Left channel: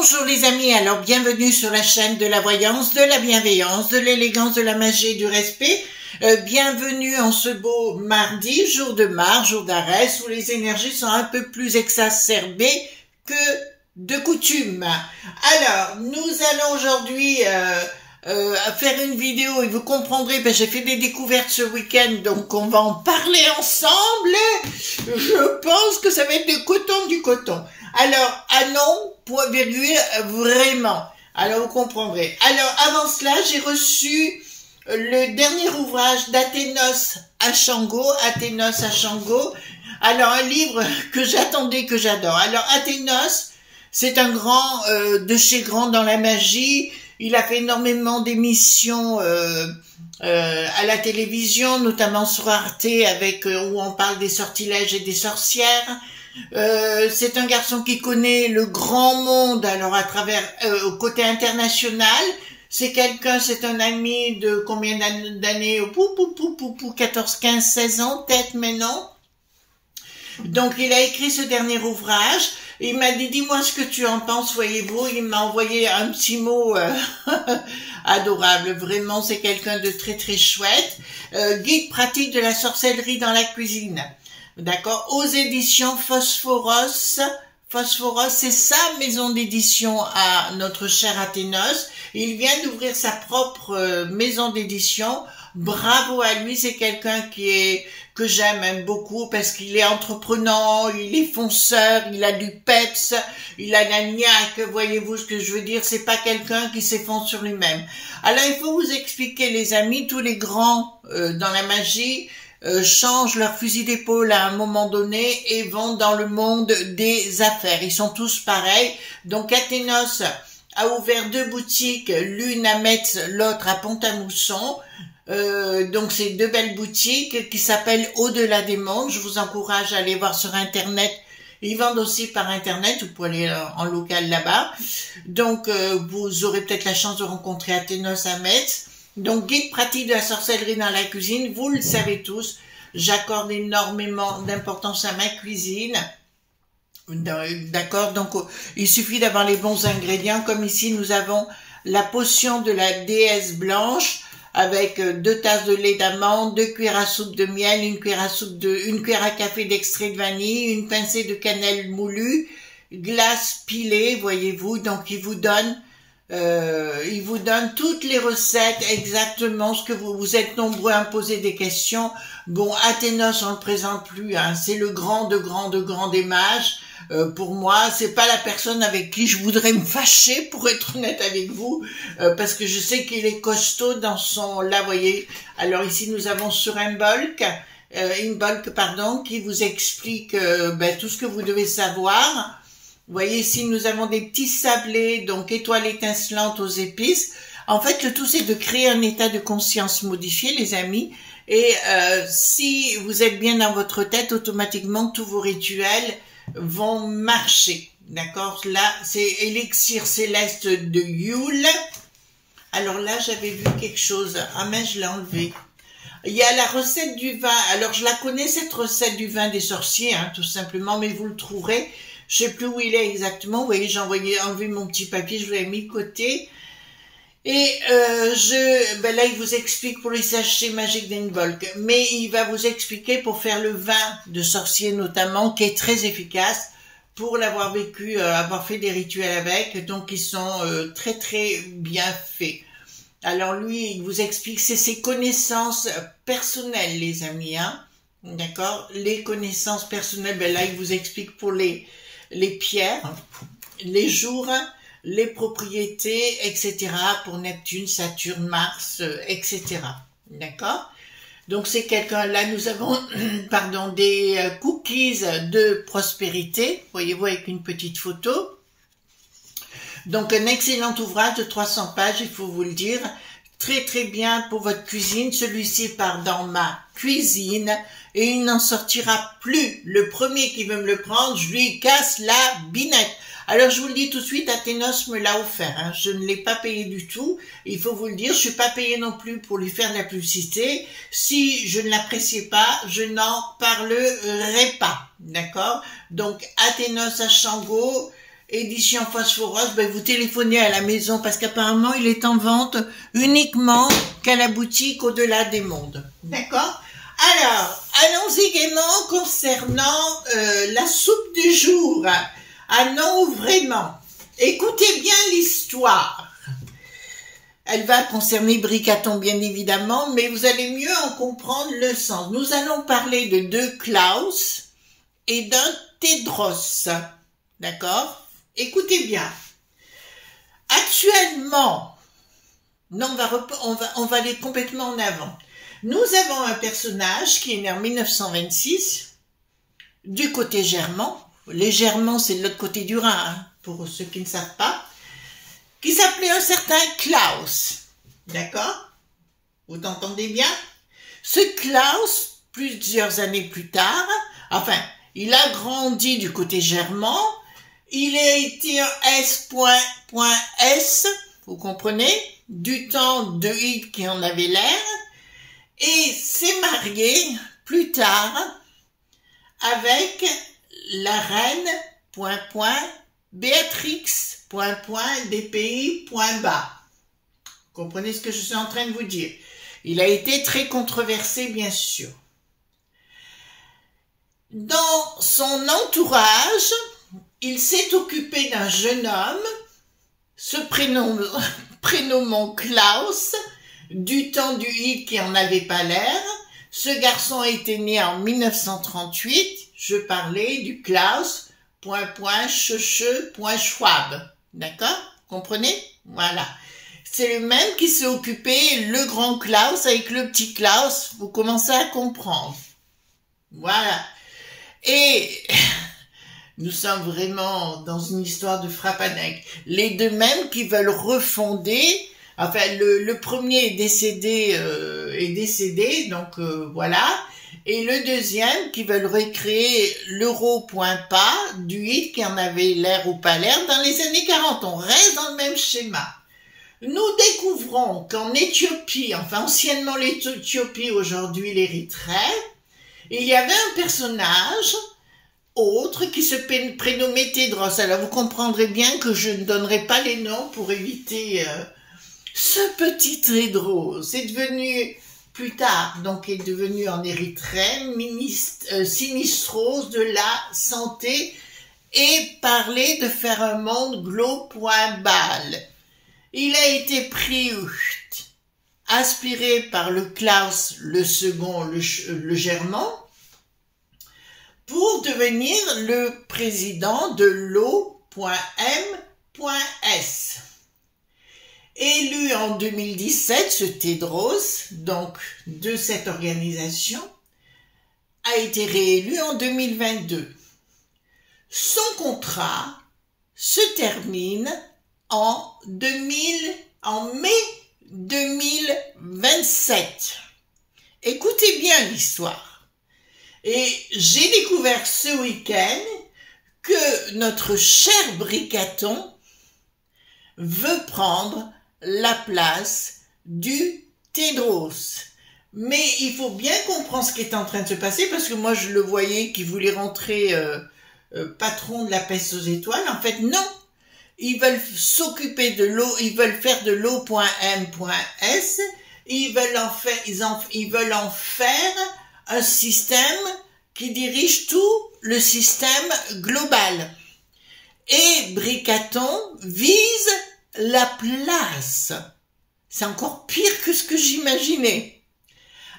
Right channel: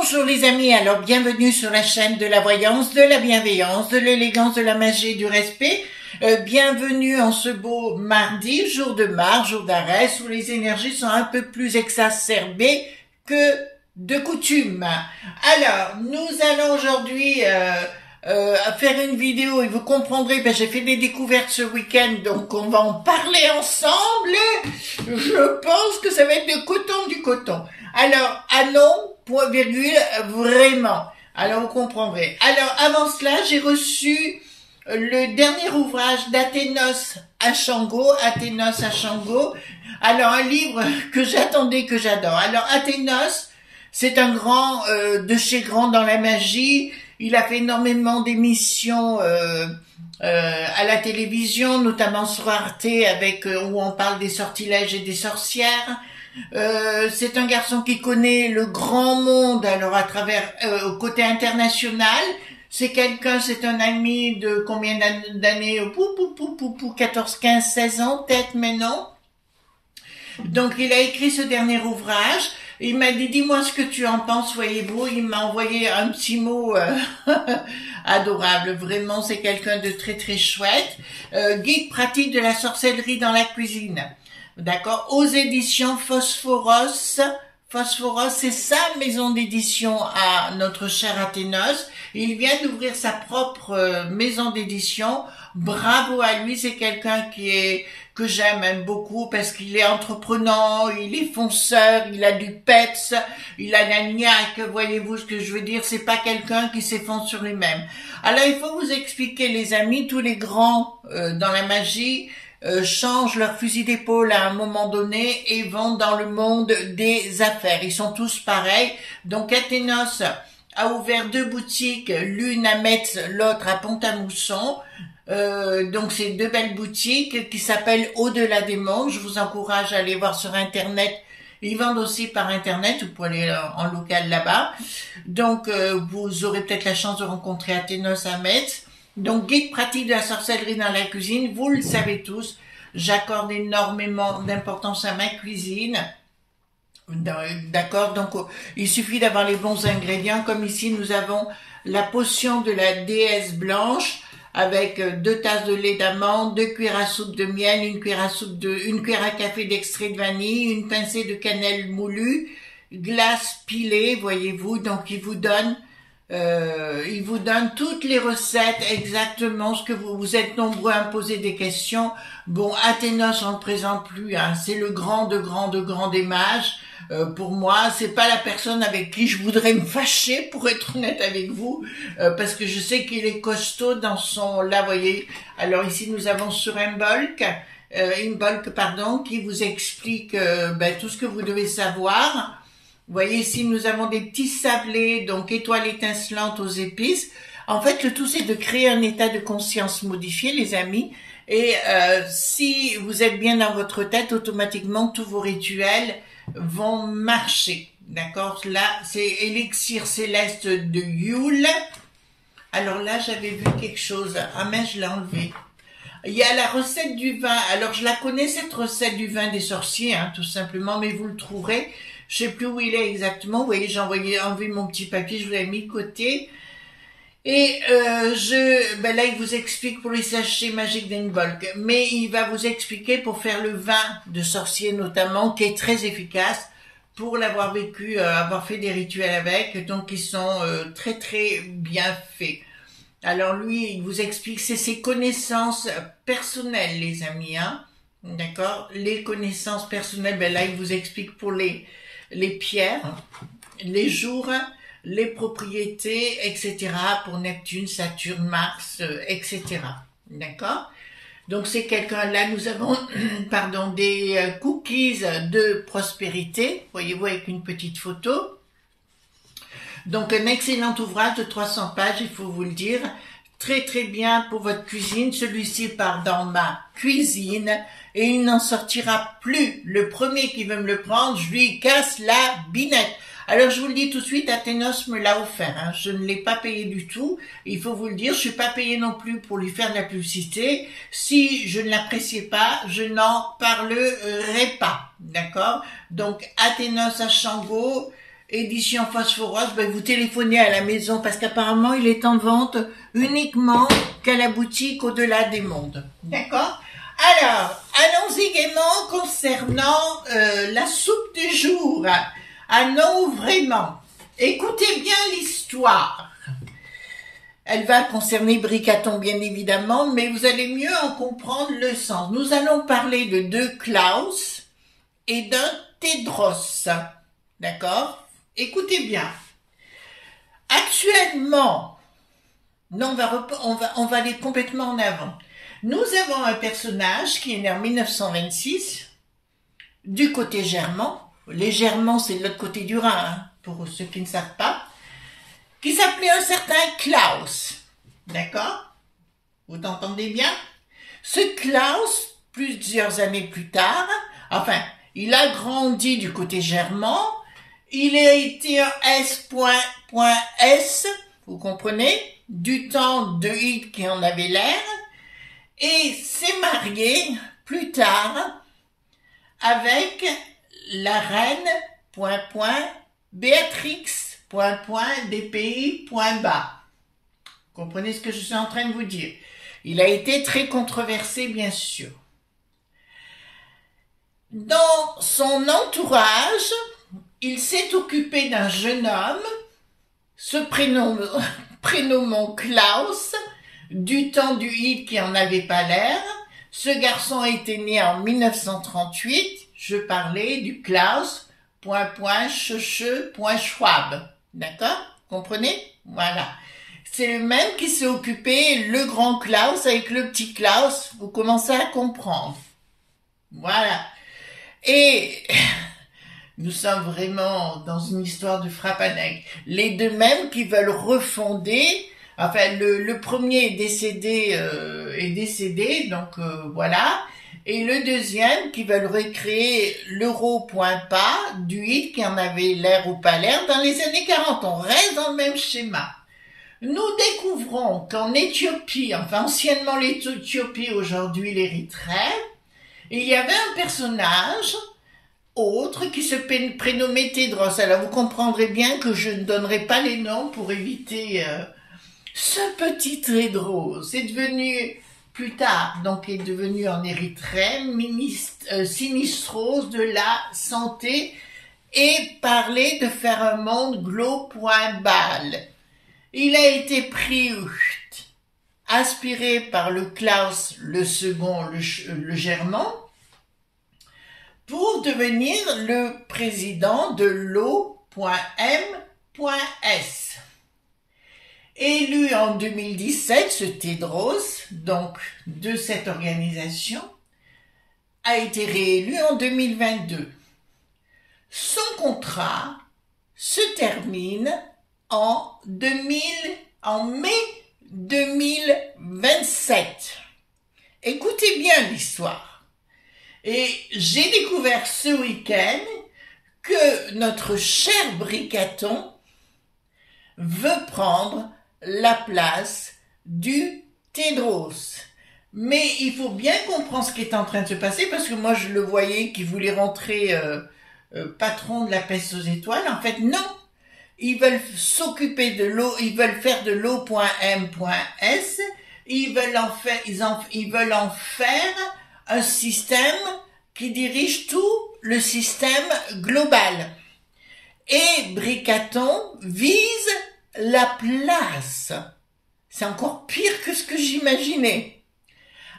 Bonjour les amis, alors bienvenue sur la chaîne de la voyance, de la bienveillance, de l'élégance, de la magie et du respect. Bienvenue en ce beau mardi, jour de Mars, jour d'Arès, où les énergies sont un peu plus exacerbées que de coutume. Alors, nous allons aujourd'hui faire une vidéo et vous comprendrez, j'ai fait des découvertes ce week-end, donc on va en parler ensemble. Je pense que ça va être de coton du coton. Alors, ah non, point virgule, vraiment. Alors, vous comprendrez. Alors, avant cela, j'ai reçu le dernier ouvrage d'Athénos Achango. Alors, un livre que j'attendais, que j'adore. Alors, Athénos, c'est un grand de chez grand dans la magie. Il a fait énormément d'émissions à la télévision, notamment sur Arte, avec où on parle des sortilèges et des sorcières. C'est un garçon qui connaît le grand monde, alors à travers côté international. C'est quelqu'un, c'est un ami de combien d'années, 14, 15, 16 ans peut-être maintenant. Donc il a écrit ce dernier ouvrage. Il m'a dit, dis-moi ce que tu en penses, voyez-vous. Il m'a envoyé un petit mot adorable. Vraiment, c'est quelqu'un de très très chouette. Guide pratique de la sorcellerie dans la cuisine. D'accord, aux éditions Phosphoros. Phosphoros, c'est sa maison d'édition à notre cher Athénos. Il vient d'ouvrir sa propre maison d'édition. Bravo à lui, c'est quelqu'un que j'aime beaucoup parce qu'il est entreprenant, il est fonceur, il a du peps, il a la niaque, voyez-vous ce que je veux dire, c'est pas quelqu'un qui s'effondre sur lui-même. Alors il faut vous expliquer les amis, tous les grands dans la magie changent leur fusil d'épaule à un moment donné et vont dans le monde des affaires. Ils sont tous pareils. Donc Athénos a ouvert 2 boutiques, l'une à Metz, l'autre à Pont-à-Mousson. Donc c'est 2 belles boutiques qui s'appellent Au-delà des mondes. Je vous encourage à aller voir sur internet. Ils vendent aussi par internet, vous pouvez aller en local là-bas. Donc vous aurez peut-être la chance de rencontrer Athénos à Metz. Donc, guide pratique de la sorcellerie dans la cuisine, vous le savez tous, j'accorde énormément d'importance à ma cuisine. D'accord, donc il suffit d'avoir les bons ingrédients, comme ici nous avons la potion de la déesse blanche, avec 2 tasses de lait d'amande, 2 cuillères à soupe de miel, 1 cuillère à café d'extrait de vanille, une pincée de cannelle moulue, glace pilée, voyez-vous, donc il vous donne toutes les recettes, exactement ce que vous êtes nombreux à me poser des questions. Bon, Athénos, on ne le présente plus, hein, c'est le grand des mages. Pour moi, c'est pas la personne avec qui je voudrais me fâcher, pour être honnête avec vous, parce que je sais qu'il est costaud dans son, là, voyez. Alors ici, nous avons sur Imbolc, qui vous explique tout ce que vous devez savoir. Vous voyez ici, nous avons des petits sablés, donc étoiles étincelantes aux épices. En fait, le tout, c'est de créer un état de conscience modifié, les amis. Et si vous êtes bien dans votre tête, automatiquement, tous vos rituels vont marcher. D'accord? Là, c'est élixir céleste de Yule. Alors là, j'avais vu quelque chose. Ah mais je l'ai enlevé. Il y a la recette du vin. Alors, je la connais, cette recette du vin des sorciers, hein, tout simplement, mais vous le trouverez. Je sais plus où il est exactement. Vous voyez, j'ai enlevé mon petit papier, je vous l'ai mis de côté. Et là, il vous explique pour les sachets magiques d'Imbolc. Mais il va vous expliquer pour faire le vin de sorcier notamment, qui est très efficace, pour l'avoir vécu, avoir fait des rituels avec. Donc, ils sont très, très bien faits. Alors, lui, il vous explique, c'est ses connaissances personnelles, les amis, hein. D'accord? Les connaissances personnelles, là, il vous explique pour les pierres, les jours, les propriétés, etc. pour Neptune, Saturne, Mars, etc. D'accord? Donc c'est quelqu'un, là nous avons pardon, des cookies de prospérité, voyez-vous avec une petite photo. Donc un excellent ouvrage de 300 pages, il faut vous le dire, très très bien pour votre cuisine. Celui-ci part dans ma cuisine et il n'en sortira plus. Le premier qui veut me le prendre, je lui casse la binette. Alors je vous le dis tout de suite, Athénos me l'a offert, hein. Je ne l'ai pas payé du tout, il faut vous le dire, je suis pas payé non plus pour lui faire de la publicité. Si je ne l'appréciais pas, je n'en parlerai pas, d'accord? Donc Athénos à Shango, édition Phosphoros, ben, vous téléphonez à la maison parce qu'apparemment il est en vente uniquement qu'à la boutique Au-delà des mondes, d'accord? Alors, allons également concernant la soupe du jour. Ah non, vraiment. Écoutez bien l'histoire. Elle va concerner Bricaton, bien évidemment, mais vous allez mieux en comprendre le sens. Nous allons parler de deux Klaus et d'un Tedros. D'accord? Écoutez bien. Actuellement, non, on va aller complètement en avant. Nous avons un personnage qui est né en 1926, du côté germain. Les Germans, c'est de l'autre côté du Rhin, hein, pour ceux qui ne savent pas, qui s'appelait un certain Klaus. D'accord? Vous entendez bien? Ce Klaus, plusieurs années plus tard, enfin, il a grandi du côté germain, il a été un S.S, vous comprenez, du temps de Hitler qui en avait l'air, et s'est marié plus tard avec la reine, Béatrix, des pays, bas. Vous comprenez ce que je suis en train de vous dire? Il a été très controversé, bien sûr. Dans son entourage, il s'est occupé d'un jeune homme, se prénommant Klaus, du temps du Hitler qui en avait pas l'air. Ce garçon a été né en 1938. Je parlais du Klaus, Schwab. D'accord? Comprenez? Voilà. C'est le même qui s'est occupé, le grand Klaus avec le petit Klaus. Vous commencez à comprendre. Voilà. Et nous sommes vraiment dans une histoire de frappanec. Les deux mêmes qui veulent refonder. Enfin, le premier est décédé, donc voilà. Et le deuxième qui veulent recréer l'euro.pas du Hitler qui en avait l'air ou pas l'air dans les années 40. On reste dans le même schéma. Nous découvrons qu'en Éthiopie, enfin anciennement l'Éthiopie, aujourd'hui l'Érythrée, il y avait un personnage autre qui se prénommait Tedros. Alors vous comprendrez bien que je ne donnerai pas les noms pour éviter... Ce petit Tedros est devenu, plus tard, donc est devenu en Érythrée, sinistros de la santé et parlait de faire un monde glo.bal. Il a été pris, aspiré par le Klaus, le second, le germain, pour devenir le président de l'O.M.S. Élu en 2017, ce Tedros, donc de cette organisation, a été réélu en 2022. Son contrat se termine en mai 2027. Écoutez bien l'histoire. Et j'ai découvert ce week-end que notre cher Bricaton veut prendre la place du Tedros. Mais il faut bien comprendre ce qui est en train de se passer, parce que moi je le voyais qui voulait rentrer patron de la peste aux étoiles. En fait, non. Ils veulent s'occuper de l'eau, ils veulent faire de l'eau.m.s, ils veulent en faire un système qui dirige tout le système global. Et Bricaton vise la place. C'est encore pire que ce que j'imaginais.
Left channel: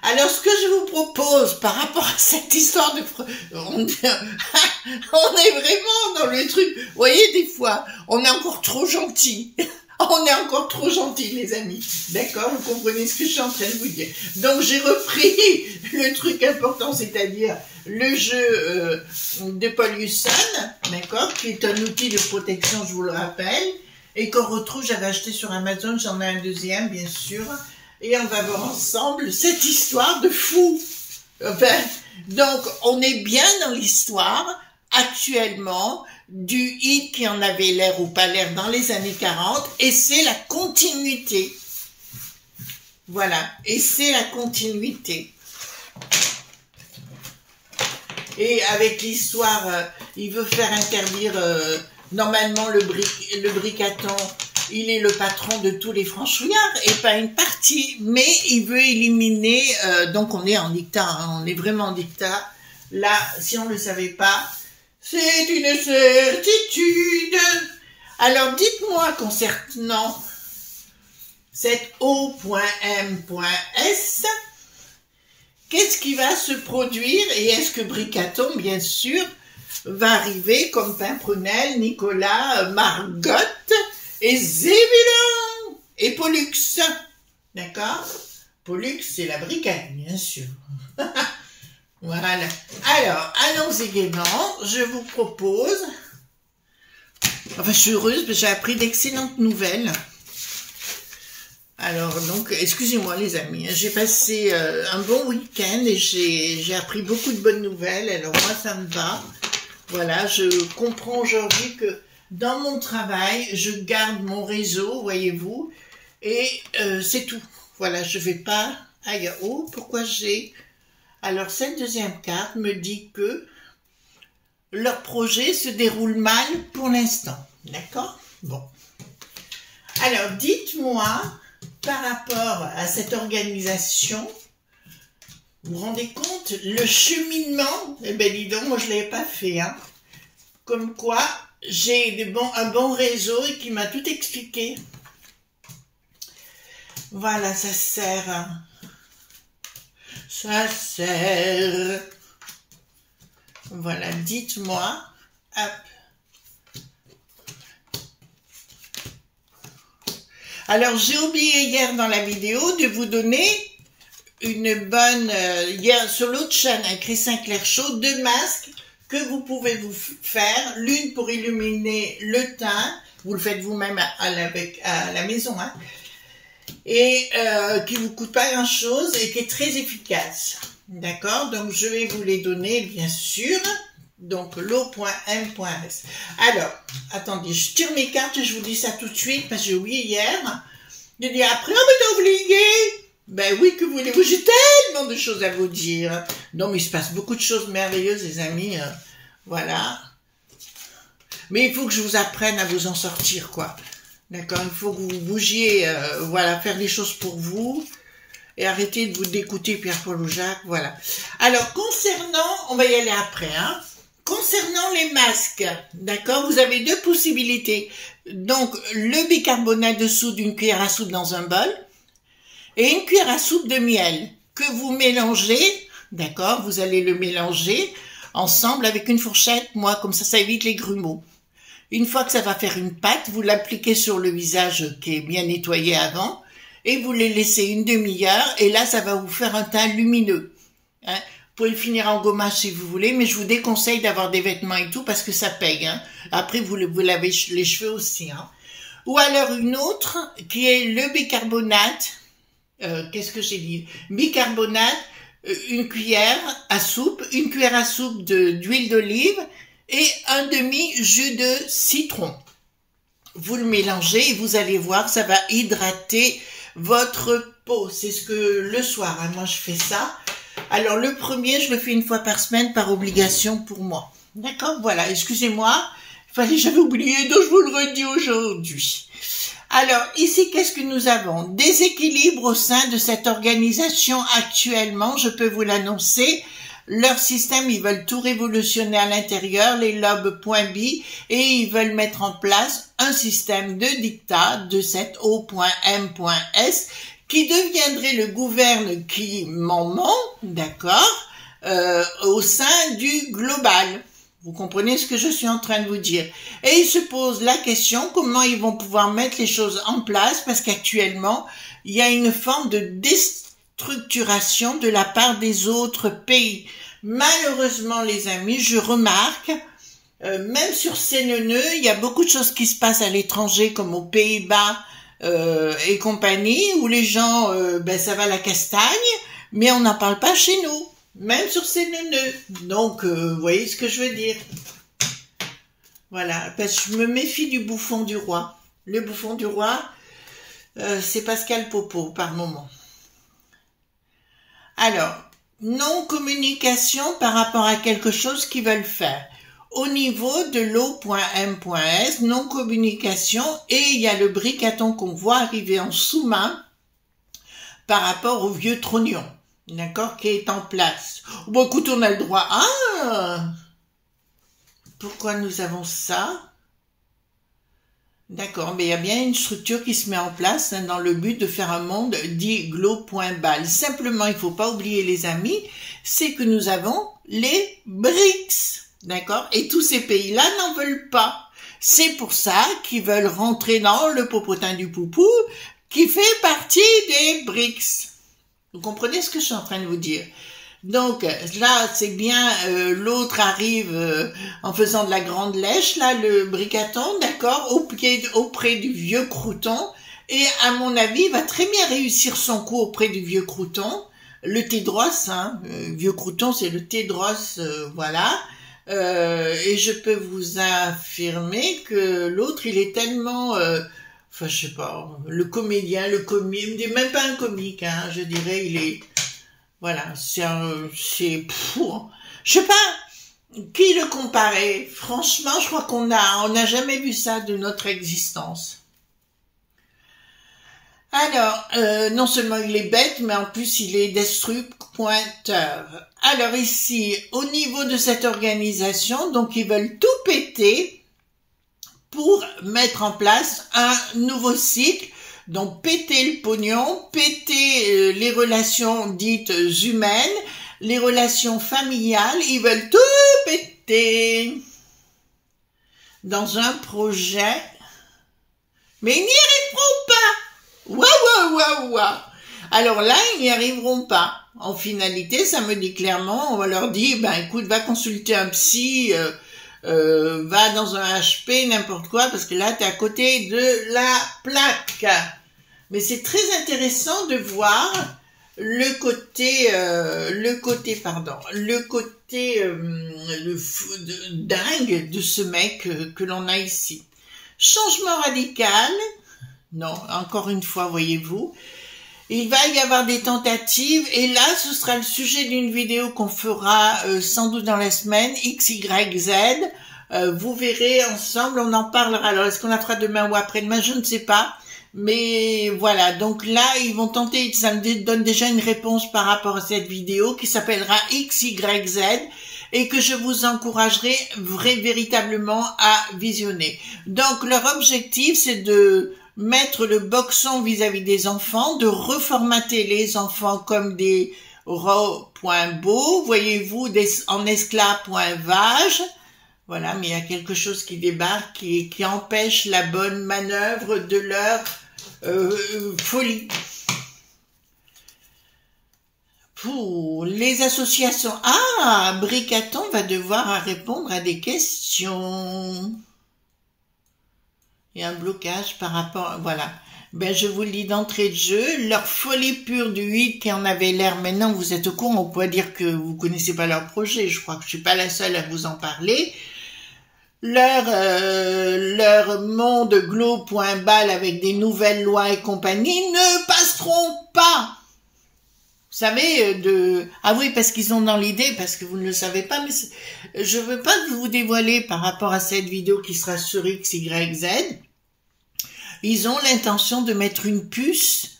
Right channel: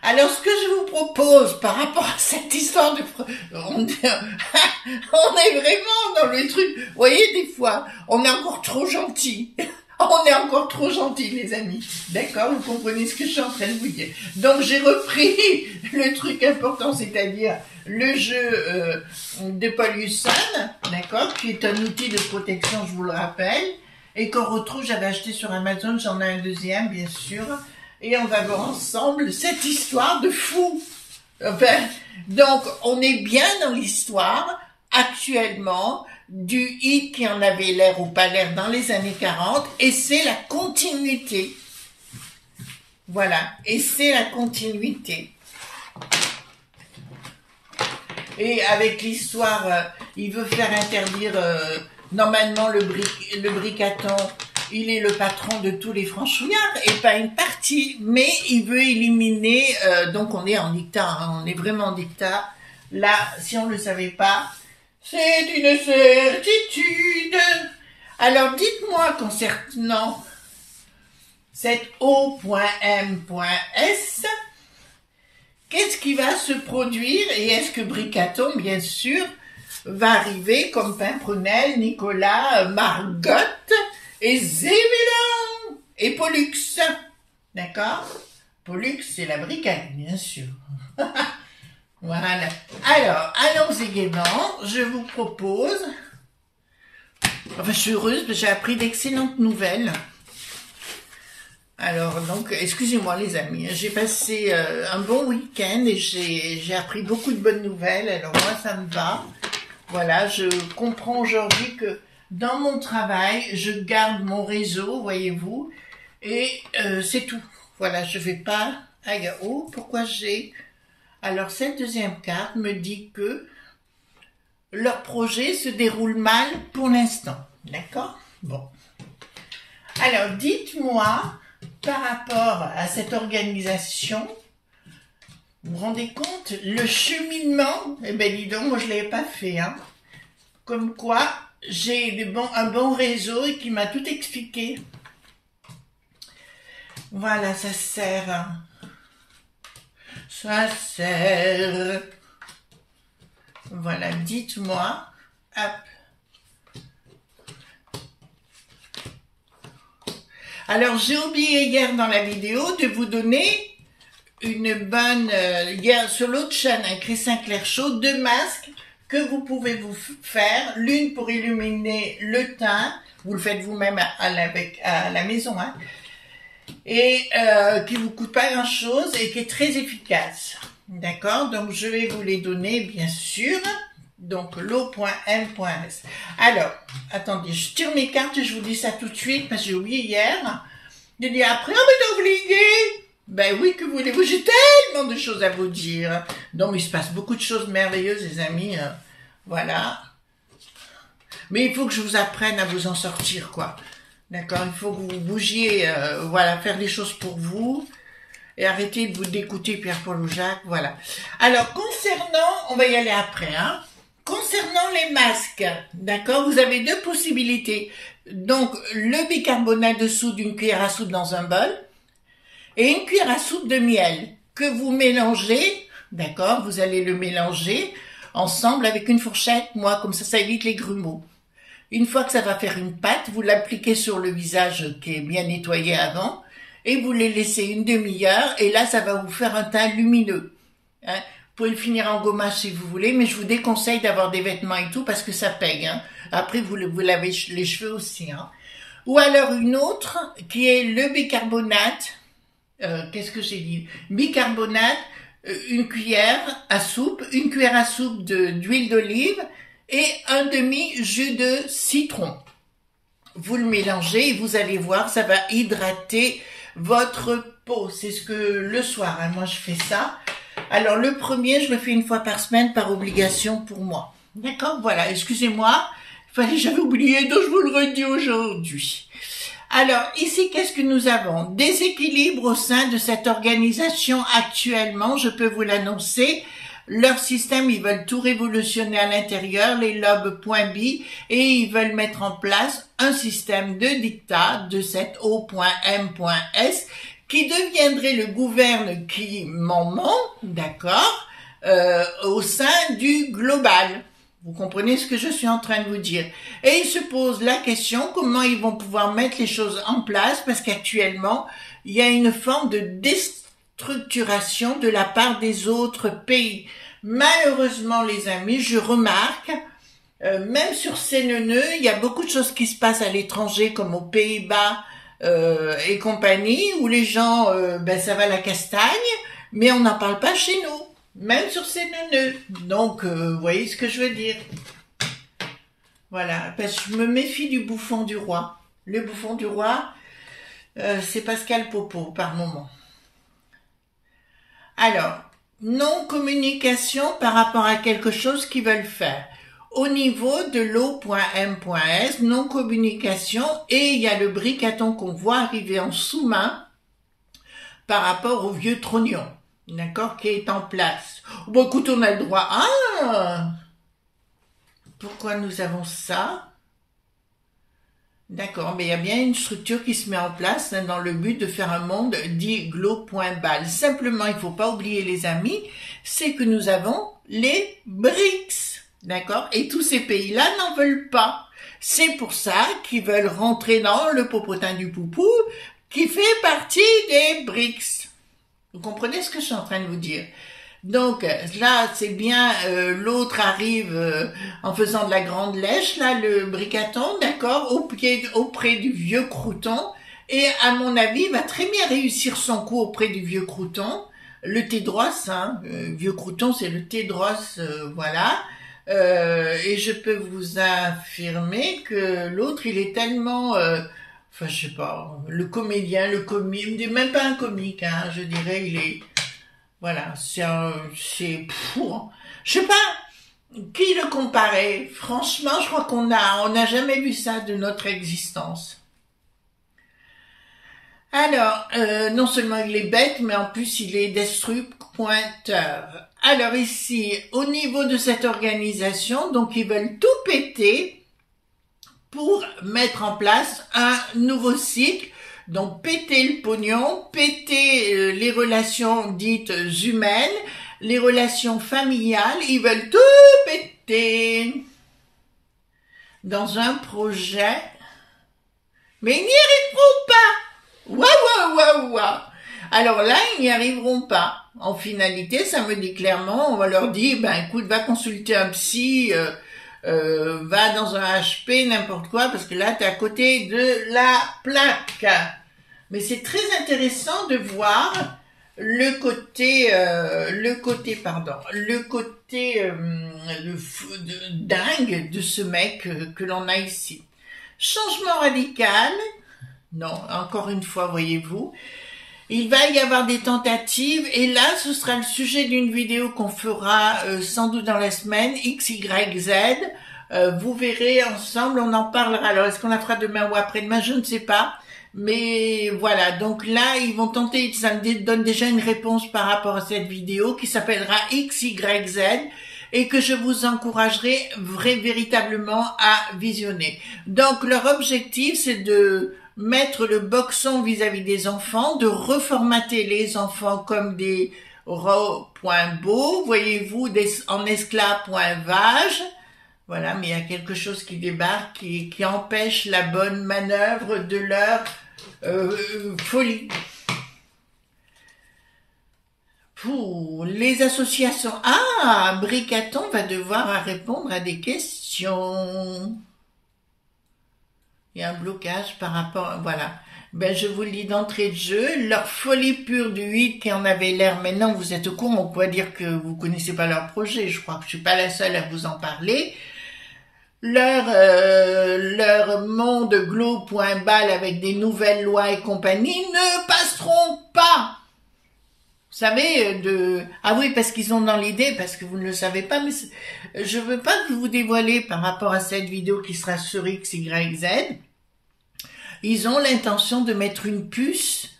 Alors, ce que je vous propose par rapport à cette histoire de... On est vraiment dans le truc. Vous voyez, des fois, on est encore trop gentil. On est encore trop gentil, les amis. D'accord? Vous comprenez ce que je suis en train de vous dire. Donc, j'ai repris le truc important, c'est-à-dire le jeu de Paul Husson, d'accord? Qui est un outil de protection, je vous le rappelle. Et qu'on retrouve, j'avais acheté sur Amazon, j'en ai un deuxième, bien sûr. Et on va voir ensemble cette histoire de fou. Enfin, donc, on est bien dans l'histoire, actuellement, du hit qui en avait l'air ou pas l'air dans les années 40, et c'est la continuité. Voilà, et c'est la continuité. Et avec l'histoire, il veut faire interdire, normalement le bricaton, il est le patron de tous les franchouillards, et pas une partie, mais il veut éliminer, donc on est en dictat, hein, on est vraiment en dictat. Là, si on ne le savait pas, c'est une certitude. Alors, dites-moi concernant cette O.M.S, qu'est-ce qui va se produire et est-ce que Bricaton, bien sûr, va arriver comme Pimprenel, Nicolas, Margotte et Zébulon et Pollux. D'accord? Pollux, c'est la bricade, bien sûr. Voilà. Alors, allons-y gaiement. Je vous propose... Enfin, je suis heureuse parce que j'ai appris d'excellentes nouvelles. Alors, donc, excusez-moi les amis. J'ai passé un bon week-end et j'ai appris beaucoup de bonnes nouvelles. Alors, moi, ça me va. Voilà, je comprends aujourd'hui que dans mon travail, je garde mon réseau, voyez-vous. Et c'est tout. Voilà, je vais pas... Aïe, oh, pourquoi j'ai... Alors, cette deuxième carte me dit que leur projet se déroule mal pour l'instant. D'accord? Bon. Alors, dites-moi, par rapport à cette organisation, vous vous rendez compte, le cheminement, eh bien, dis donc, moi, je ne l'avais pas fait, hein. Comme quoi, j'ai un bon réseau et qui m'a tout expliqué. Voilà, ça sert... Ça sert. Voilà, dites-moi. Hop. Alors, j'ai oublié hier dans la vidéo de vous donner une bonne... hier, sur l'autre chaîne, avec Chris Sinclair Show, 2 masques que vous pouvez vous faire. L'une pour illuminer le teint. Vous le faites vous-même à la maison, hein. Et qui vous coûte pas grand chose et qui est très efficace. D'accord? Donc je vais vous les donner bien sûr. Donc l'O.M.S. Alors, attendez, je tire mes cartes et je vous dis ça tout de suite parce que j'ai oublié hier. Je dis après, on m'est obligé. Ben oui, que voulez-vous? J'ai tellement de choses à vous dire. Donc il se passe beaucoup de choses merveilleuses, les amis. Voilà. Mais il faut que je vous apprenne à vous en sortir, quoi. D'accord, il faut que vous bougiez, voilà, faire les choses pour vous et arrêter de vous d'écouter Pierre-Paul ou Jacques, voilà. Alors, concernant, on va y aller après, hein. Concernant les masques, d'accord, vous avez 2 possibilités. Donc, le bicarbonate de soude d'une cuillère à soupe dans un bol et une cuillère à soupe de miel que vous mélangez, d'accord, vous allez le mélanger ensemble avec une fourchette, moi, comme ça évite les grumeaux. Une fois que ça va faire une pâte, vous l'appliquez sur le visage qui est bien nettoyé avant et vous les laissez une demi-heure et là, ça va vous faire un teint lumineux. Hein. Vous pouvez le finir en gommage si vous voulez, mais je vous déconseille d'avoir des vêtements et tout parce que ça paye. Hein. Après, vous lavez les cheveux aussi. Hein. Ou alors une autre qui est le bicarbonate. Qu'est-ce que j'ai dit? Bicarbonate, une cuillère à soupe d'huile d'olive et un demi-jus de citron. Vous le mélangez et vous allez voir, ça va hydrater votre peau. C'est ce que le soir, hein, moi je fais ça. Alors le premier, je le fais une fois par semaine par obligation pour moi. D'accord? Voilà, excusez-moi, j'avais oublié, donc je vous le redis aujourd'hui. Alors ici, qu'est-ce que nous avons? Déséquilibre au sein de cette organisation actuellement, je peux vous l'annoncer. Leur système, ils veulent tout révolutionner à l'intérieur, les lobes .b, et ils veulent mettre en place un système de dictat de cette O.M.S qui deviendrait le gouverne qui m'en d'accord, au sein du global. Vous comprenez ce que je suis en train de vous dire. Et ils se posent la question comment ils vont pouvoir mettre les choses en place, parce qu'actuellement, il y a une forme de déstructuration de la part des autres pays. Malheureusement, les amis, je remarque, même sur CNNE, il y a beaucoup de choses qui se passent à l'étranger, comme aux Pays-Bas et compagnie, où les gens, ça va la castagne, mais on n'en parle pas chez nous. Même sur ces neuneux. Donc, vous voyez ce que je veux dire. Voilà, parce que je me méfie du bouffon du roi. Le bouffon du roi, c'est Pascal Popo, par moment. Alors, non-communication par rapport à quelque chose qu'ils veulent faire. Au niveau de l'eau.m.s, non-communication, et il y a le bricaton qu'on voit arriver en sous-main par rapport au vieux trognon. D'accord, qui est en place. Bon, écoute, on a le droit. Ah, pourquoi nous avons ça? D'accord, mais il y a bien une structure qui se met en place hein, dans le but de faire un monde dit glo.bal. Simplement, il ne faut pas oublier, les amis, c'est que nous avons les BRICS. D'accord, et tous ces pays-là n'en veulent pas. C'est pour ça qu'ils veulent rentrer dans le popotin du poupou qui fait partie des BRICS. Vous comprenez ce que je suis en train de vous dire? Donc là, c'est bien, l'autre arrive en faisant de la grande lèche, là, le bricaton, d'accord, auprès du vieux crouton, et à mon avis, il va très bien réussir son coup auprès du vieux crouton, le Tédros, hein, vieux crouton, c'est le Tédros, voilà, et je peux vous affirmer que l'autre, il est tellement... enfin, je sais pas, le comédien, même pas un comique, hein, je dirais, il est, voilà, je sais pas, qui le comparait? Franchement, je crois on n'a jamais vu ça de notre existence. Alors, non seulement il est bête, mais en plus il est destructeur. Alors ici, au niveau de cette organisation, donc ils veulent tout péter, pour mettre en place un nouveau cycle, donc péter le pognon, péter les relations dites humaines, les relations familiales, ils veulent tout péter dans un projet, mais ils n'y arriveront pas. Waouh. Alors là, ils n'y arriveront pas. En finalité, ça me dit clairement, on va leur dire, ben écoute, va consulter un psy, va dans un HP, n'importe quoi, parce que là, tu es à côté de la plaque. Mais c'est très intéressant de voir le côté dingue de ce mec que l'on a ici. Changement radical. Non, encore une fois, voyez-vous. Il va y avoir des tentatives et là, ce sera le sujet d'une vidéo qu'on fera sans doute dans la semaine, X, Y, Z. Vous verrez ensemble, on en parlera. Alors, est-ce qu'on la fera demain ou après-demain? Je ne sais pas. Mais voilà, donc là, ils vont tenter, ça me donne déjà une réponse par rapport à cette vidéo qui s'appellera X, Y, Z et que je vous encouragerai véritablement à visionner. Donc, leur objectif, c'est de mettre le boxon vis-à-vis des enfants, de reformater les enfants comme des ro.beau, voyez-vous, en esclave.vage. Voilà, mais il y a quelque chose qui débarque, qui empêche la bonne manœuvre de leur folie. Pour les associations, Bricaton va devoir répondre à des questions. Il y a un blocage par rapport, voilà. Ben, je vous le dis d'entrée de jeu, leur folie pure du 8 qui en avait l'air, maintenant vous êtes au courant, on peut dire que vous connaissez pas leur projet, je crois que je suis pas la seule à vous en parler. Leur monde glo.bal avec des nouvelles lois et compagnie ne passeront pas. Vous savez, oui, parce qu'ils ont dans l'idée, parce que vous ne le savez pas, mais je veux pas vous dévoiler par rapport à cette vidéo qui sera sur X, Y, Z. Ils ont l'intention de mettre une puce,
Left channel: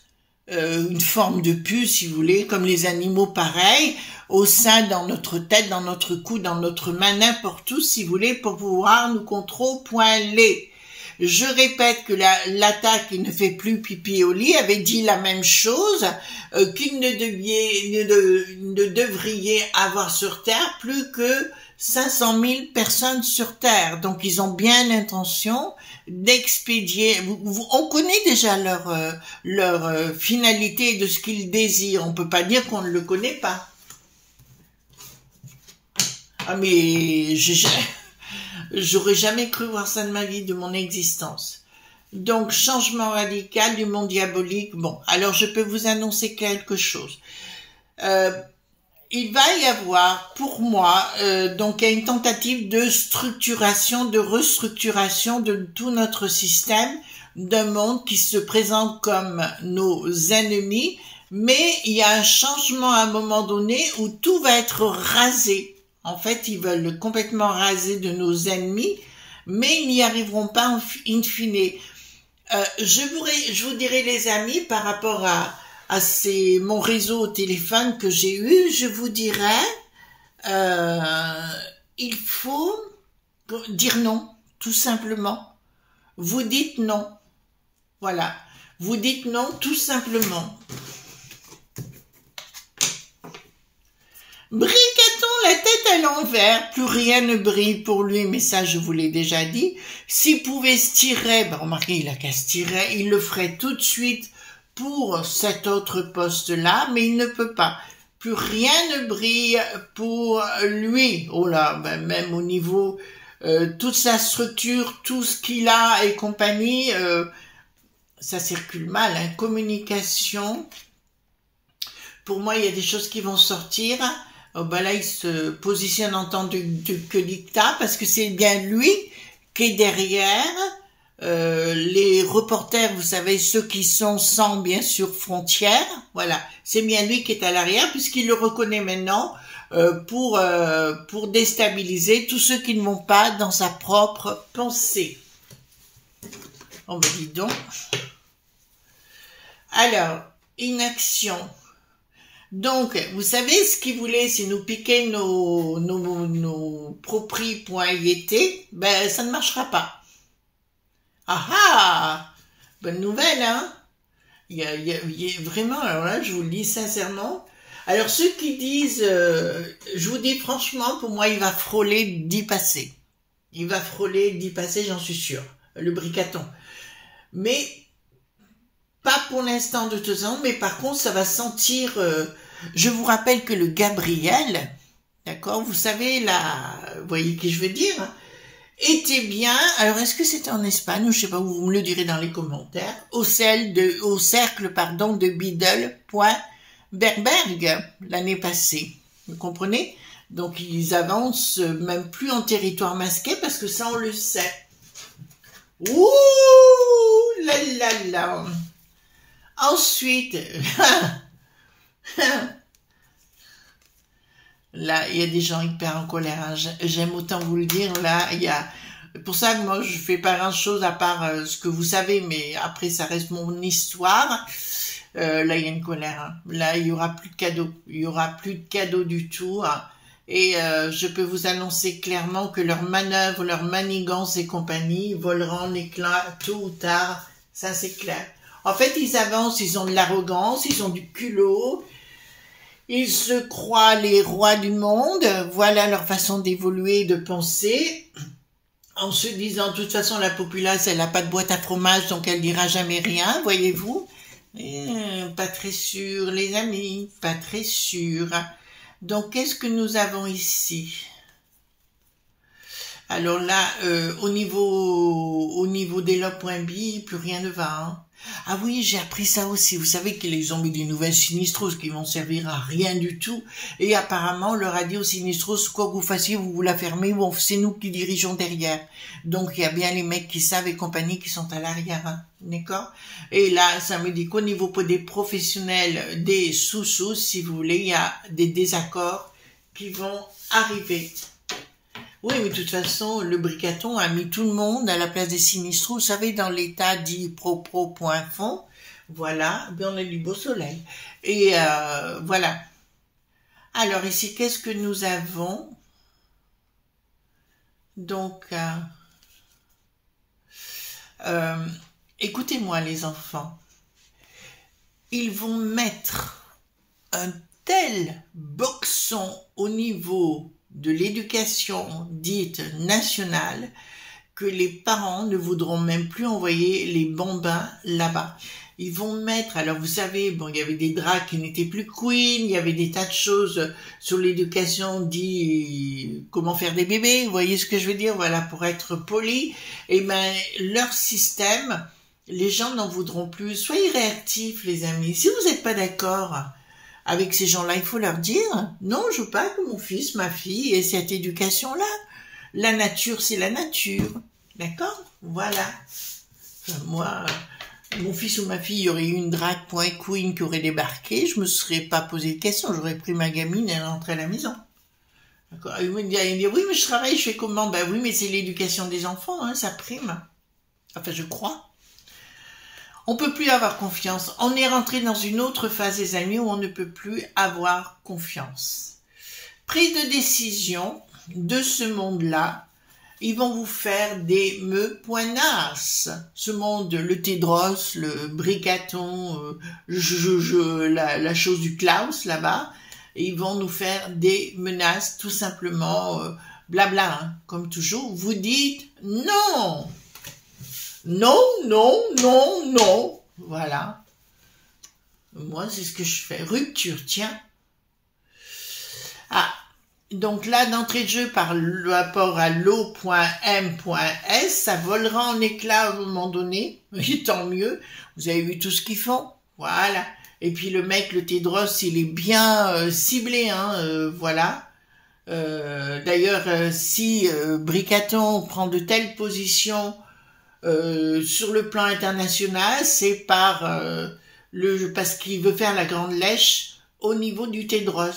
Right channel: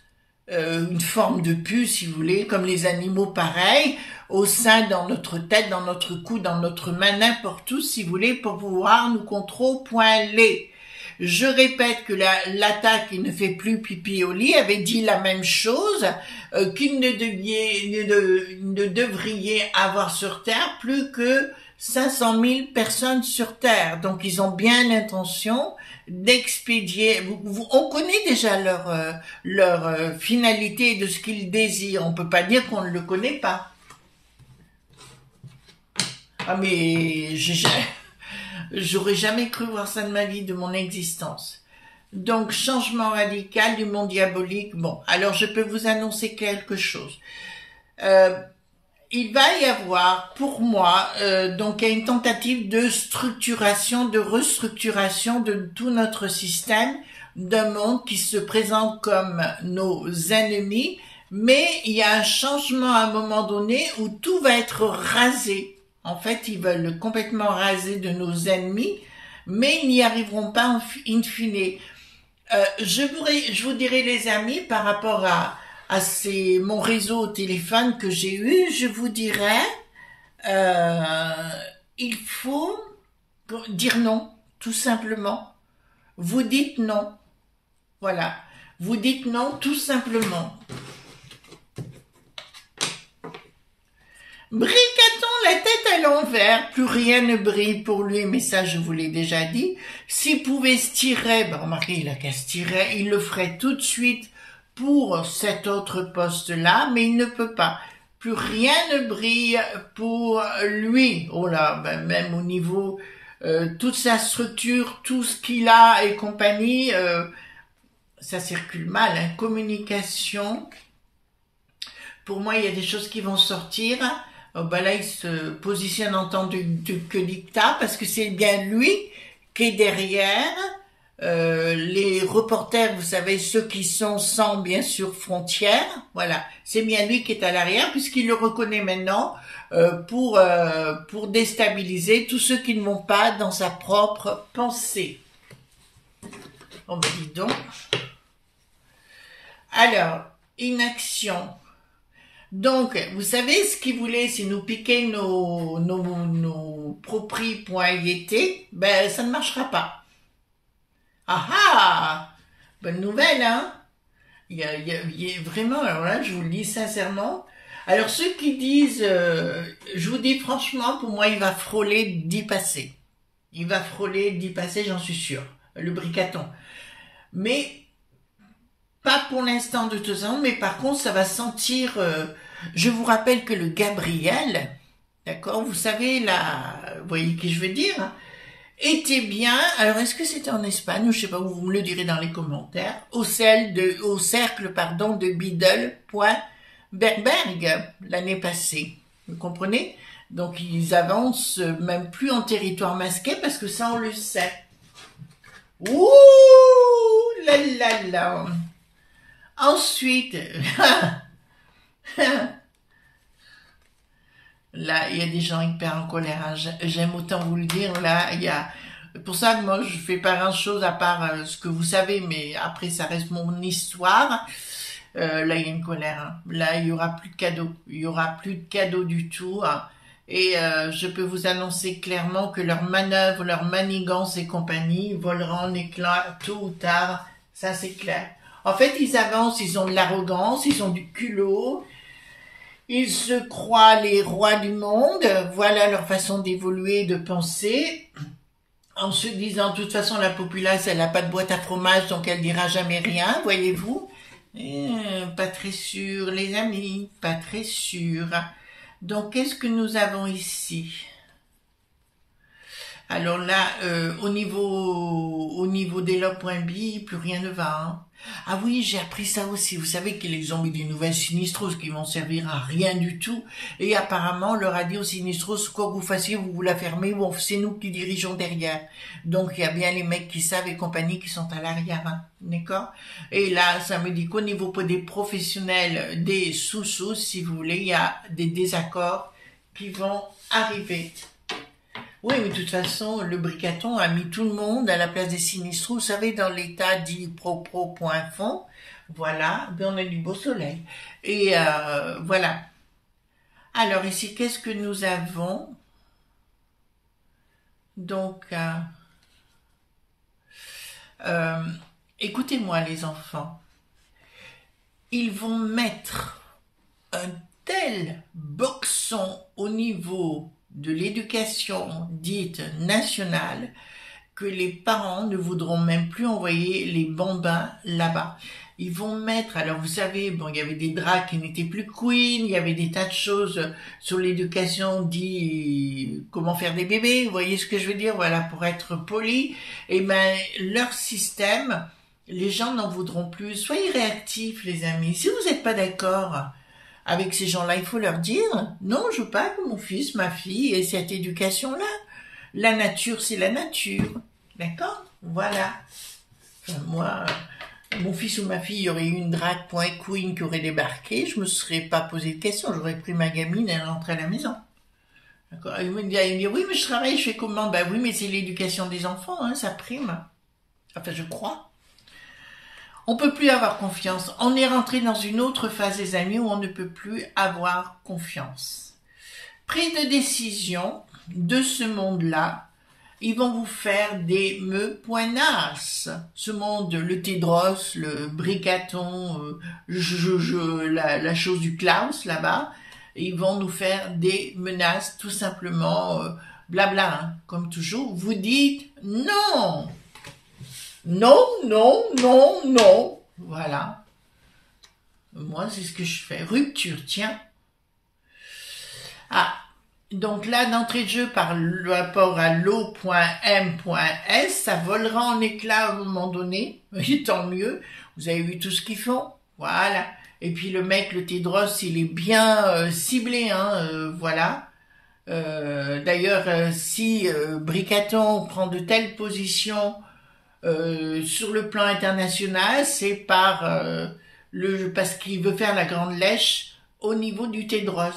une forme de puce, si vous voulez, comme les animaux pareils, au sein, dans notre tête, dans notre cou, dans notre main, n'importe où, si vous voulez, pour pouvoir nous contrôler. Je répète que l'attaque qui ne fait plus pipi au lit avait dit la même chose, qu'il ne devriez avoir sur Terre plus que 500 000 personnes sur Terre. Donc ils ont bien l'intention d'expédier. On connaît déjà leur finalité de ce qu'ils désirent. On peut pas dire qu'on ne le connaît pas. Ah mais j'aurais jamais cru voir ça de ma vie, de mon existence. Donc changement radical du monde diabolique. Bon, alors je peux vous annoncer quelque chose. Il va y avoir, pour moi, donc une tentative de structuration, de restructuration de tout notre système, d'un monde qui se présente comme nos ennemis, mais il y a un changement à un moment donné où tout va être rasé. En fait, ils veulent complètement raser de nos ennemis, mais ils n'y arriveront pas in fine. Je vous dirai, les amis, par rapport à mon réseau au téléphone que j'ai eu, je vous dirais, il faut dire non, tout simplement. Vous dites non. Voilà. Vous dites non, tout simplement. Bricaton, la tête à l'envers, plus rien ne brille pour lui, mais ça je vous l'ai déjà dit. S'il pouvait se tirer, ben remarquez, il a qu'à se tirer, il le ferait tout de suite pour cet autre poste-là, mais il ne peut pas. Plus rien ne brille pour lui. Oh là, ben même au niveau, toute sa structure, tout ce qu'il a et compagnie, ça circule mal, hein. Communication. Pour moi, il y a des choses qui vont sortir. Ben là, il se positionne en tant que dictat, parce que c'est bien lui qui est derrière. Les reporters, vous savez, ceux qui sont sans, bien sûr, frontières, voilà, c'est bien lui qui est à l'arrière, puisqu'il le reconnaît maintenant, pour déstabiliser tous ceux qui ne vont pas dans sa propre pensée. On me dit donc. Alors, inaction. Donc, vous savez ce qu'il voulait, c'est nous piquer nos propri.iet, ben ça ne marchera pas. Ah ah, bonne nouvelle, hein. Il y a vraiment, alors là, je vous le dis sincèrement. Alors ceux qui disent, je vous dis franchement, pour moi, il va frôler d'y passer. Il va frôler d'y passer, j'en suis sûre. Le bricaton. Mais pas pour l'instant de toute façon, mais par contre, ça va sentir... je vous rappelle que le Gabriel, d'accord, vous savez, là, vous voyez qui je veux dire, hein, était bien, alors est-ce que c'était en Espagne, ou je sais pas, vous me le direz dans les commentaires, au cercle, de Biddle.Berberg, l'année passée, vous comprenez? Donc ils avancent même plus en territoire masqué, parce que ça on le sait. Ouh là là là. Ensuite, là, il y a des gens hyper en colère. J'aime autant vous le dire. Là, il y a. Pour ça que moi, je fais pas grand chose à part ce que vous savez, mais après, ça reste mon histoire. Là, il y a une colère. Hein. Là, il y aura plus de cadeaux. Il y aura plus de cadeaux du tout. Hein. Et je peux vous annoncer clairement que leurs manœuvres, leurs manigances et compagnie voleront en éclats tôt ou tard. Ça, c'est clair. En fait, ils avancent, ils ont de l'arrogance, ils ont du culot, ils se croient les rois du monde, voilà leur façon d'évoluer, de penser, en se disant, de toute façon, la populace, elle n'a pas de boîte à fromage, donc elle dira jamais rien, voyez-vous. Pas très sûr, les amis, pas très sûr. Donc, qu'est-ce que nous avons ici ? Alors là, au niveau des logs.bi, plus rien ne va, hein. Ah oui, j'ai appris ça aussi. Vous savez qu'ils ont mis des nouvelles Sinistros qui vont servir à rien du tout. Et apparemment, on leur a dit aux Sinistros, quoi que vous fassiez, vous la fermez, ou c'est nous qui dirigeons derrière. Donc, il y a bien les mecs qui savent et compagnie qui sont à l'arrière, hein. D'accord? Et là, ça me dit qu'au niveau des professionnels, des sous-sous, si vous voulez, il y a des désaccords qui vont arriver. Oui, mais de toute façon, le bricaton a mis tout le monde à la place des sinistraux. Vous savez, dans l'état dit pro.fond, voilà, ben on a du beau soleil. Et voilà. Alors ici, qu'est-ce que nous avons? Donc, Écoutez-moi les enfants, ils vont mettre un tel boxon au niveau de l'éducation dite nationale que les parents ne voudront même plus envoyer les bambins là-bas. Ils vont mettre, alors vous savez, bon, il y avait des draps qui n'étaient plus queen, il y avait des tas de choses sur l'éducation dit comment faire des bébés, vous voyez ce que je veux dire, voilà, pour être poli. Et ben, leur système, les gens n'en voudront plus. Soyez réactifs, les amis. Si vous n'êtes pas d'accord avec ces gens-là, il faut leur dire, non, je veux pas que mon fils, ma fille ait cette éducation-là. La nature, c'est la nature. D'accord? Voilà. Enfin, moi, mon fils ou ma fille, il y aurait eu une drag queen qui aurait débarqué, je me serais pas posé de questions, j'aurais pris ma gamine et elle rentrait à la maison. D'accord? Il me dit, oui, mais je travaille, je fais comment? Ben oui, mais c'est l'éducation des enfants, hein, ça prime. Enfin, je crois. On peut plus avoir confiance. On est rentré dans une autre phase, les amis, où on ne peut plus avoir confiance. Prise de décision de ce monde-là, ils vont vous faire des me-poinasses. Ce monde, le Tédros, le Bricaton, la chose du Klaus là-bas, ils vont nous faire des menaces, tout simplement, blabla, hein, comme toujours. Vous dites non. Non, non, non, non. Voilà. Moi, c'est ce que je fais. Rupture, tiens. Ah. Donc là, d'entrée de jeu, par rapport à l'eau.m.s, ça volera en éclats à un moment donné. Et tant mieux. Vous avez vu tout ce qu'ils font. Voilà. Et puis le mec, le Tédros, il est bien ciblé. Hein, voilà. D'ailleurs, si Bricaton prend de telles positions sur le plan international, c'est parce qu'il veut faire la grande lèche au niveau du Tédros.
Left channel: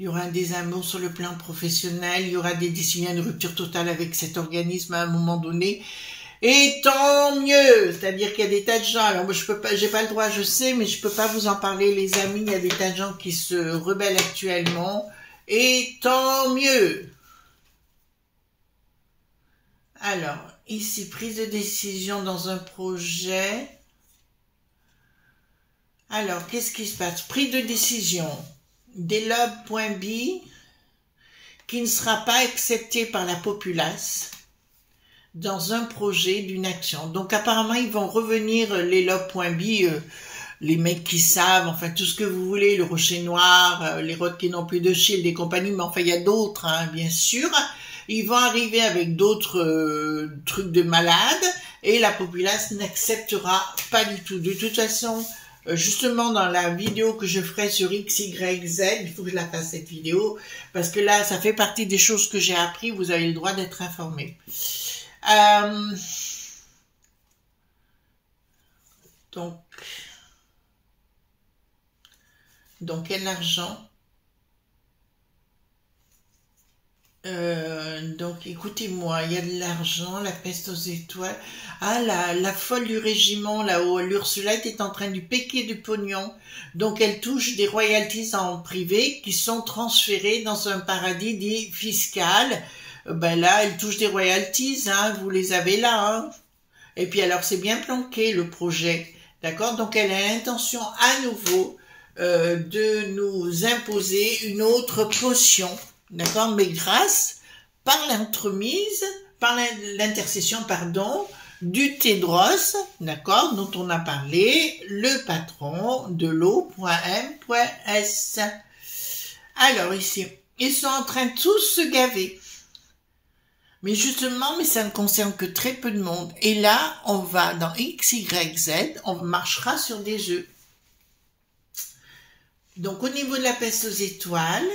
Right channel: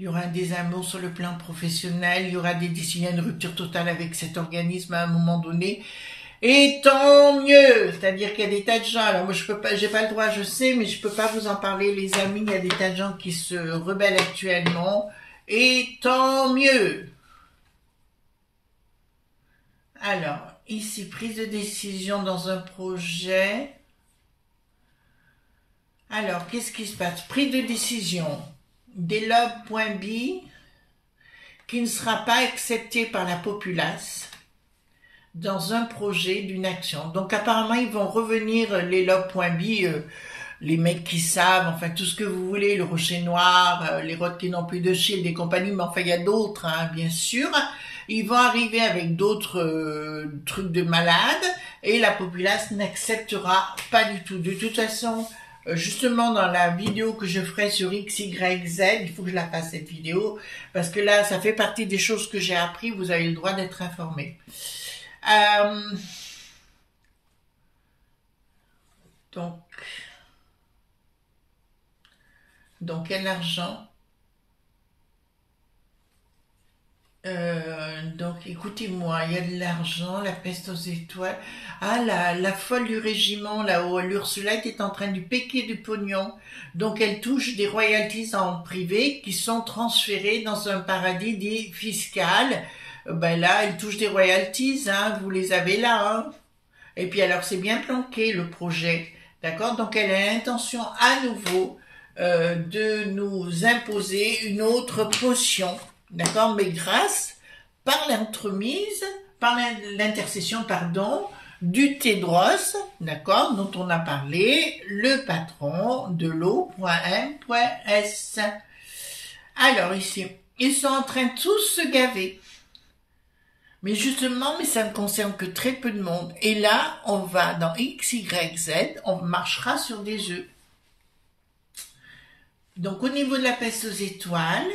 Il y aura un désamour sur le plan professionnel, il y aura des décisions, une rupture totale avec cet organisme à un moment donné. Et tant mieux, c'est-à-dire qu'il y a des tas de gens, alors moi je peux pas, j'ai pas le droit, je sais, mais je peux pas vous en parler, les amis, il y a des tas de gens qui se rebellent actuellement, et tant mieux. Alors, ici, prise de décision dans un projet. Alors, qu'est-ce qui se passe? Prise de décision. Delob.b qui ne sera pas accepté par la populace dans un projet d'une action. Donc apparemment ils vont revenir les lob.b, les mecs qui savent, enfin tout ce que vous voulez, le rocher noir, les rocs qui n'ont plus de shield et compagnie, mais enfin il y a d'autres, hein, bien sûr. Ils vont arriver avec d'autres trucs de malades et la populace n'acceptera pas du tout. De toute façon, justement dans la vidéo que je ferai sur XYZ, il faut que je la fasse cette vidéo, parce que là, ça fait partie des choses que j'ai appris, vous avez le droit d'être informé. Donc quel argent? Donc écoutez-moi, il y a de l'argent, la peste aux étoiles. Ah, la folle du régiment là-haut, l'Ursulette est en train de piquer du pognon. Donc elle touche des royalties en privé qui sont transférées dans un paradis dit fiscal. Ben là, elle touche des royalties, hein, vous les avez là. Hein. Et puis alors c'est bien planqué le projet, d'accord? Donc elle a l'intention à nouveau de nous imposer une autre potion. D'accord, mais par l'intercession, pardon, du Tédros, d'accord, dont on a parlé, le patron de l'eau.m.s. Alors ici, ils sont en train de tous se gaver. Mais justement, mais ça ne concerne que très peu de monde. Et là, on va dans XYZ, on marchera sur des œufs. Donc au niveau de la peste aux étoiles,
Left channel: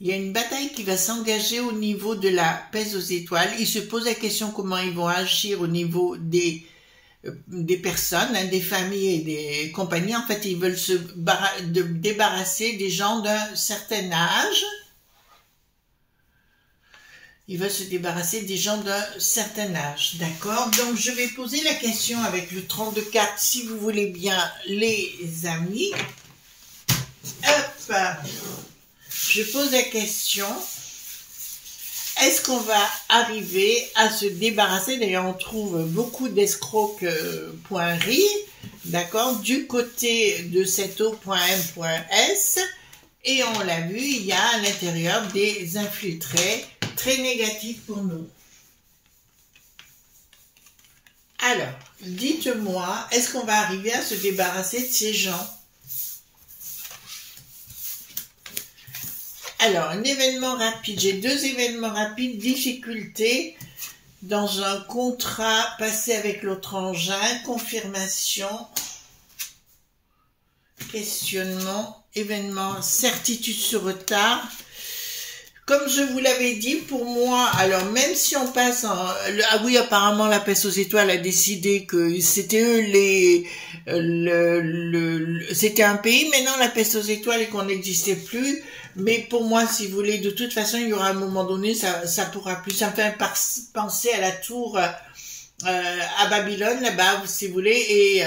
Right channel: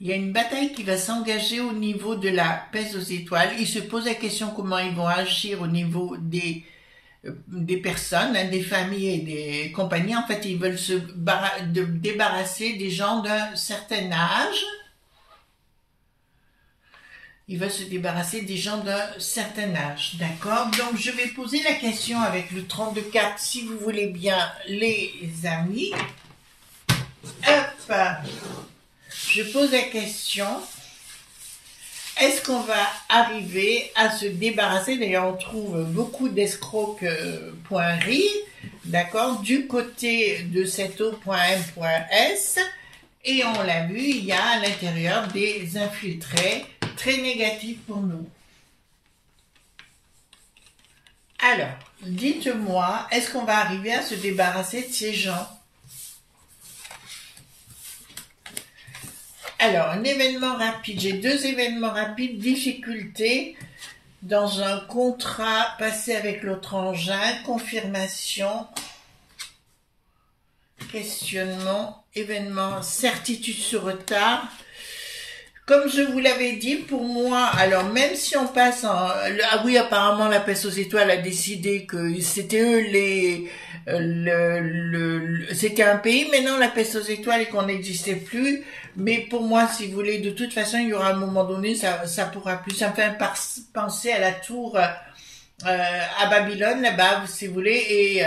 il y a une bataille qui va s'engager au niveau de la peste aux étoiles. Ils se posent la question comment ils vont agir au niveau des personnes, hein, des familles et des compagnies. En fait, ils veulent se débarrasser des gens d'un certain âge. Ils veulent se débarrasser des gens d'un certain âge. D'accord? Donc, je vais poser la question avec le 32 cartes, si vous voulez bien, les amis. Hop! Je pose la question, est-ce qu'on va arriver à se débarrasser, d'ailleurs on trouve beaucoup d'escrocs.ri, d'accord, du côté de cette O.M.S, et on l'a vu, il y a à l'intérieur des infiltrés très négatifs pour nous. Alors, dites-moi, est-ce qu'on va arriver à se débarrasser de ces gens? Alors, un événement rapide. J'ai 2 événements rapides. Difficulté dans un contrat passé avec l'autre engin. Confirmation. Questionnement. Événement. Certitude sur retard. Comme je vous l'avais dit, pour moi, alors même si on passe en... Ah oui, apparemment la peste aux étoiles a décidé que c'était eux c'était un pays, maintenant la peste aux étoiles et qu'on n'existait plus. Mais pour moi, si vous voulez, de toute façon, il y aura un moment donné, ça pourra plus. Ça me fait penser à la tour à Babylone, là-bas, si vous voulez, et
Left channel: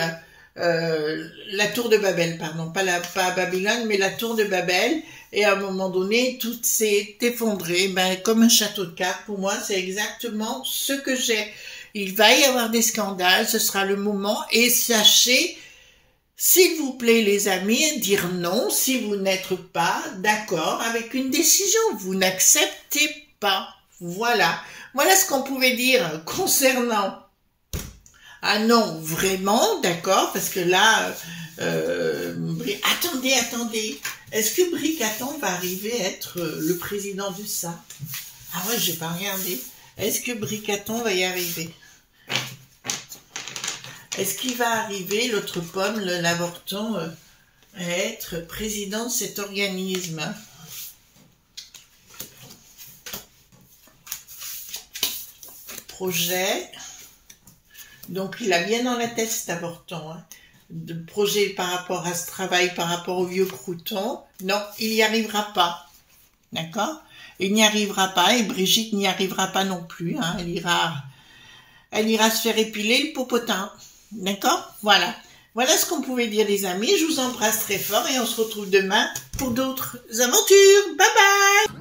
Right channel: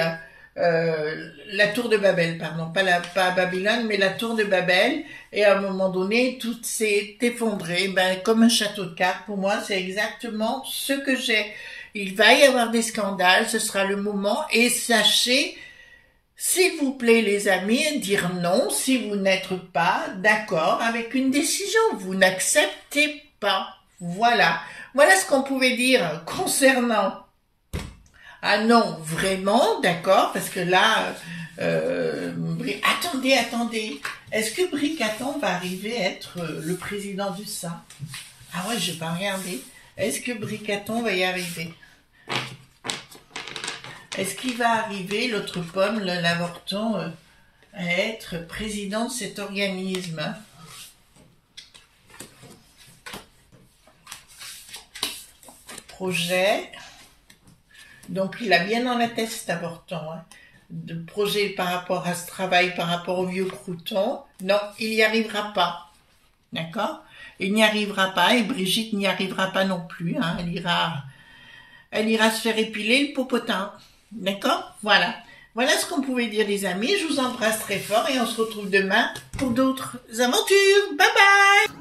la tour de Babel, pardon, pas à Babylone, mais la tour de Babel. Et à un moment donné, tout s'est effondré, ben, comme un château de cartes. Pour moi, c'est exactement ce que j'ai. Il va y avoir des scandales, ce sera le moment. Et sachez, s'il vous plaît, les amis, dire non si vous n'êtes pas d'accord avec une décision. Vous n'acceptez pas. Voilà. Voilà ce qu'on pouvait dire concernant... Ah non, vraiment, d'accord, parce que là... attendez. Est-ce que Bricaton va arriver à être le président du SA? Ah ouais, j'ai pas regardé. Est-ce que Bricaton va y arriver? Est-ce qu'il va arriver, l'autre pomme, l'avorton, à être président de cet organisme? Projet. Donc, il a bien dans la tête cet avorton, hein. De projet par rapport à ce travail, par rapport au vieux crouton. Non, il n'y arrivera pas. D'accord? Il n'y arrivera pas et Brigitte n'y arrivera pas non plus. Hein. Elle ira se faire épiler le popotin. D'accord? Voilà. Voilà ce qu'on pouvait dire, les amis. Je vous embrasse très fort et on se retrouve demain pour d'autres aventures. Bye bye!